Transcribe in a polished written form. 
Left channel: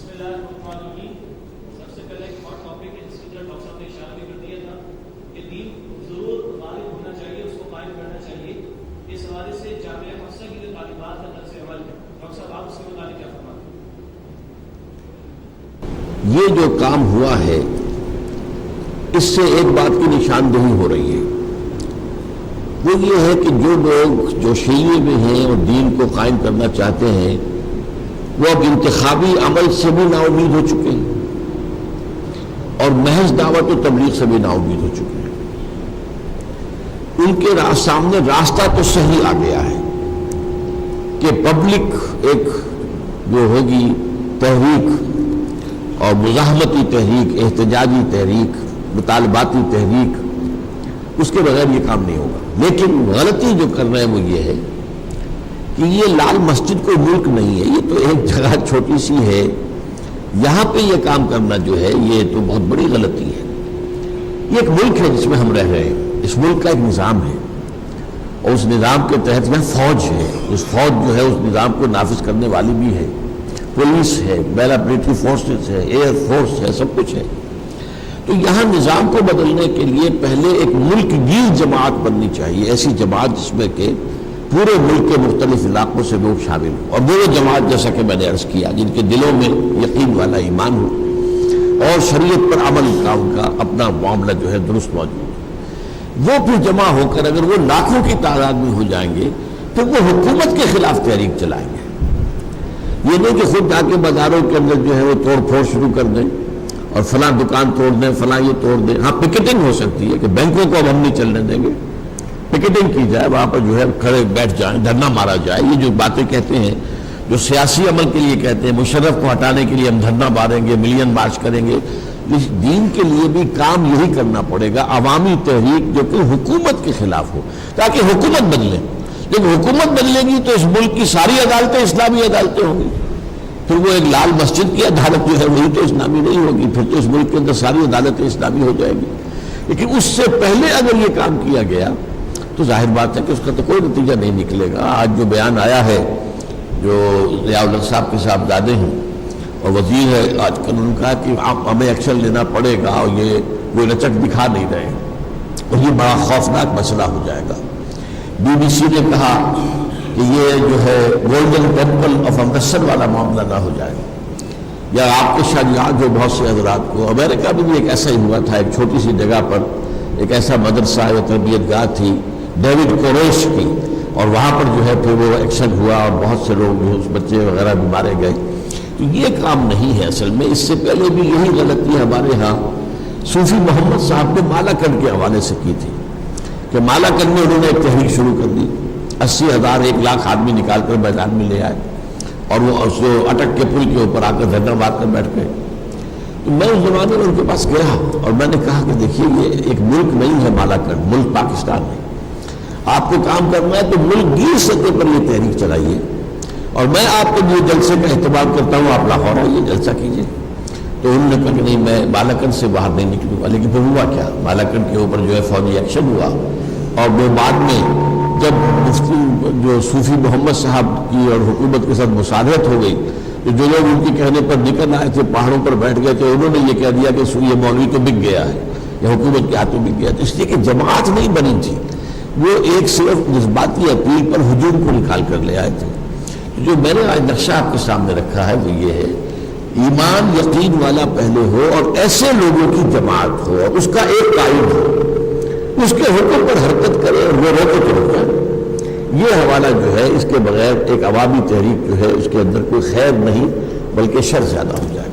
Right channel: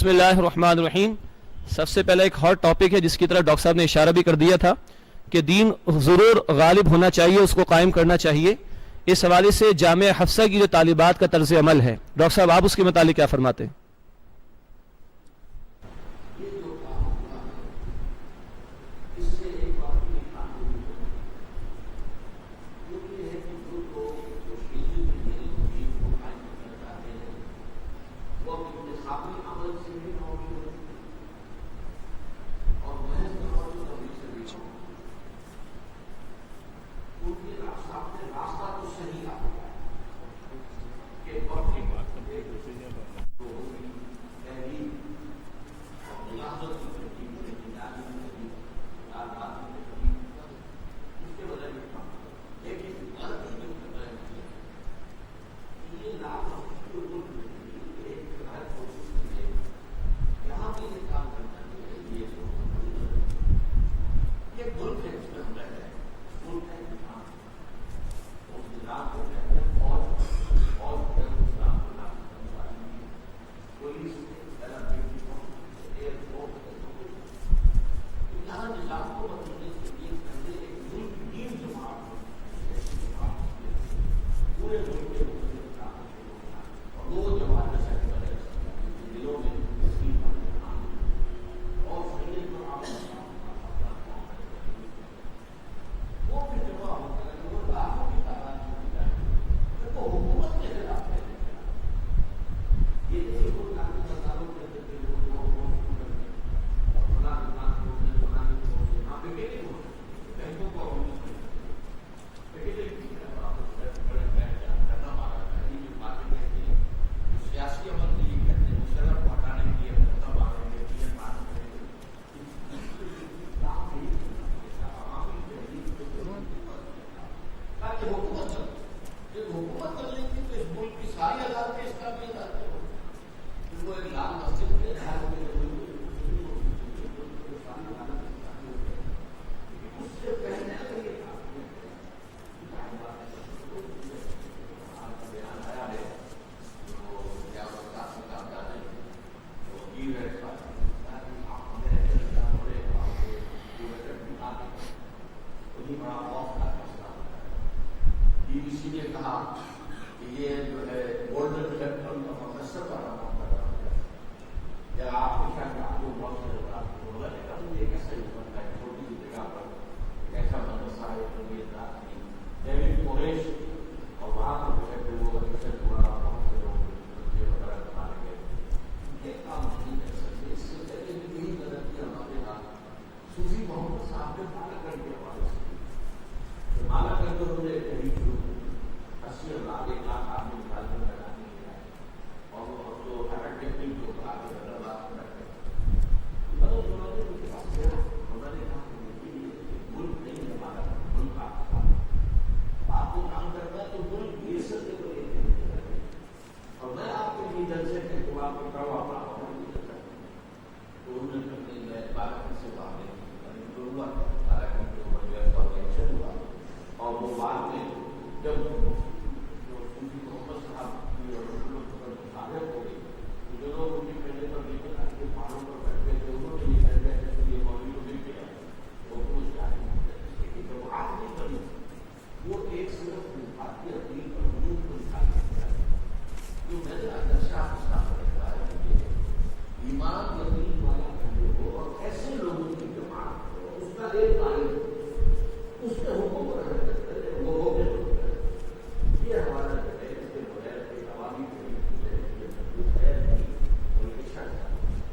بسم اللہ الرحمن الرحیم. سب سے پہلے ایک ہاٹ ٹاپک ہے جس کی طرف ڈاکٹر صاحب نے اشارہ بھی کر دیا تھا کہ دین ضرور غالب ہونا چاہیے, اس کو قائم کرنا چاہیے. اس حوالے سے جامعہ حفصہ کی جو طالبات کا طرز عمل ہے, ڈاکٹر صاحب آپ اس کے متعلق کیا فرماتے ہیں؟ یہ جو کام ہوا ہے اس سے ایک بات کی نشاندہی ہو رہی ہے, وہ یہ ہے کہ جو لوگ جو شیعہ میں ہیں اور دین کو قائم کرنا چاہتے ہیں وہ اب انتخابی عمل سے بھی نا امید ہو چکے ہیں اور محض دعوت و تبلیغ سے بھی نا امید ہو چکے ہیں. ان کے سامنے راستہ تو صحیح آ گیا ہے کہ پبلک ایک جو ہوگی تحریک اور مزاحمتی تحریک, احتجاجی تحریک, مطالباتی تحریک, اس کے بغیر یہ کام نہیں ہوگا. لیکن غلطی جو کر رہے ہیں وہ یہ ہے کہ یہ لال مسجد کوئی ملک نہیں ہے, یہ تو ایک جگہ چھوٹی سی ہے, یہاں پہ یہ کام کرنا جو ہے یہ تو بہت بڑی غلطی ہے. یہ ایک ملک ہے جس میں ہم رہ رہے ہیں, اس ملک کا ایک نظام ہے اور اس نظام کے تحت میں فوج ہے. اس فوج جو ہے اس نظام کو نافذ کرنے والی بھی ہے, پولیس ہے, پیراملٹری فورسز ہے, ایئر فورس ہے, سب کچھ ہے. تو یہاں نظام کو بدلنے کے لیے پہلے ایک ملک گیر جماعت بننی چاہیے, ایسی جماعت جس میں کہ پورے ملک کے مختلف علاقوں سے لوگ شامل ہوں, اور وہ جماعت جیسا کہ میں نے عرض کیا جن کے دلوں میں یقین والا ایمان ہو اور شریعت پر عمل کا ان کا اپنا معاملہ جو ہے درست موجود ہے. وہ پھر جمع ہو کر اگر وہ لاکھوں کی تعداد میں ہو جائیں گے تو وہ حکومت کے خلاف تحریک چلائیں گے. یہ نہیں کہ خود جا کے بازاروں کے اندر جو ہے وہ توڑ پھوڑ شروع کر دیں اور فلاں دکان توڑ دیں, فلاں یہ توڑ دیں. ہاں پکیٹنگ ہو سکتی ہے کہ بینکوں کو اب ہم نہیں چلنے دیں گے, پکیٹنگ کی جائے, وہاں پر جو ہے کھڑے بیٹھ جائیں, دھرنا مارا جائے. یہ جو باتیں کہتے ہیں جو سیاسی عمل کے لیے کہتے ہیں, مشرف کو ہٹانے کے لیے ہم دھرنا ماریں گے, ملین مارچ کریں گے, اس دین کے لیے بھی کام یہی کرنا پڑے گا, عوامی تحریک جو کہ حکومت کے خلاف ہو تاکہ حکومت بدلے. جب حکومت بدلے گی تو اس ملک کی ساری عدالتیں اسلامی عدالتیں ہوں گی. پھر وہ ایک لال مسجد کی عدالت جو ہے وہی تو اسلامی نہیں ہوگی, پھر تو اس ملک کے اندر ساری عدالتیں اسلامی ہو جائیں گی. لیکن اس سے پہلے اگر یہ کام کیا گیا تو ظاہر بات ہے کہ اس کا تو کوئی نتیجہ نہیں نکلے گا. آج جو بیان آیا ہے جو ضیاء الحق صاحب کے صاحبزادے ہیں اور وزیر ہے, آج کل انہوں نے کہا کہ ہمیں ایکشن لینا پڑے گا اور یہ کوئی لچک دکھا نہیں رہے اور یہ بڑا خوفناک مسئلہ ہو جائے گا. بی بی سی نے کہا کہ یہ جو ہے گولڈن ٹیمپل آف امرتسر والا معاملہ نہ ہو جائے, یا آپ کے شاگردان جو بہت سے حضرات کو امریکہ میں بھی ایک ایسا ہی ہوا تھا, ایک چھوٹی سی جگہ پر ایک ایسا مدرسہ یا تربیت گاہ تھی ڈیوڈ کوریش کی, اور وہاں پر جو ہے پھر وہ ایکشن ہوا اور بہت سے لوگ جو اس بچے وغیرہ بھی مارے گئے. تو یہ کام نہیں ہے اصل میں. اس سے پہلے بھی یہی غلطی ہمارے ہاں صوفی محمد صاحب نے مالاکنڈ کے حوالے سے کی تھی کہ مالاکنڈ میں انہوں نے ایک تحریک شروع کر دی, 80,000 1 لاکھ آدمی نکال کر میدان میں لے آئے اور وہ اٹک کے پل کے اوپر آ کر دھرنا مار کر بیٹھ گئے. تو میں اس زمانے میں ان کے پاس گیا اور میں نے کہا کہ دیکھیے یہ ایک ملک نہیں ہے مالاکنڈ, ملک پاکستان ہے. آپ کو کام کرنا ہے تو ملک گیر سطح پر یہ تحریک چلائیے, اور میں آپ کے لیے جلسے کا اہتمام کرتا ہوں, آپ لاہور آئیے جلسہ کیجیے. تو انہوں نے کہا کہ نہیں میں مالاکنڈ سے باہر نہیں نکلوں گا. لیکن پھر ہوا کیا, مالاکنڈ کے اوپر جو ہے فوجی ایکشن ہوا اور وہ بعد میں جب مفتی جو صوفی محمد صاحب کی اور حکومت کے ساتھ مصالحت ہو گئی تو جو لوگ ان کے کہنے پر نکل آئے تھے پہاڑوں پر بیٹھ گئے تھے, انہوں نے یہ کہہ دیا کہ یہ مولوی تو بک گیا ہے یا حکومت کے ہاتھوں بک گیا. تو اس لیے کہ جماعت نہیں بنی تھی, وہ ایک صرف جذباتی اپیل پر ہجوم کو نکال کر لے آئے تھے. جو میں نے آج نقشہ آپ کے سامنے رکھا ہے وہ یہ ہے, ایمان یقین والا پہلے ہو اور ایسے لوگوں کی جماعت ہو اور اس کا ایک قائد ہو, اس کے حکم پر حرکت کرے اور وہ روکے تو رک جائے. یہ حوالہ جو ہے اس کے بغیر ایک عوامی تحریک جو ہے اس کے اندر کوئی خیر نہیں بلکہ شر زیادہ ہو جائے.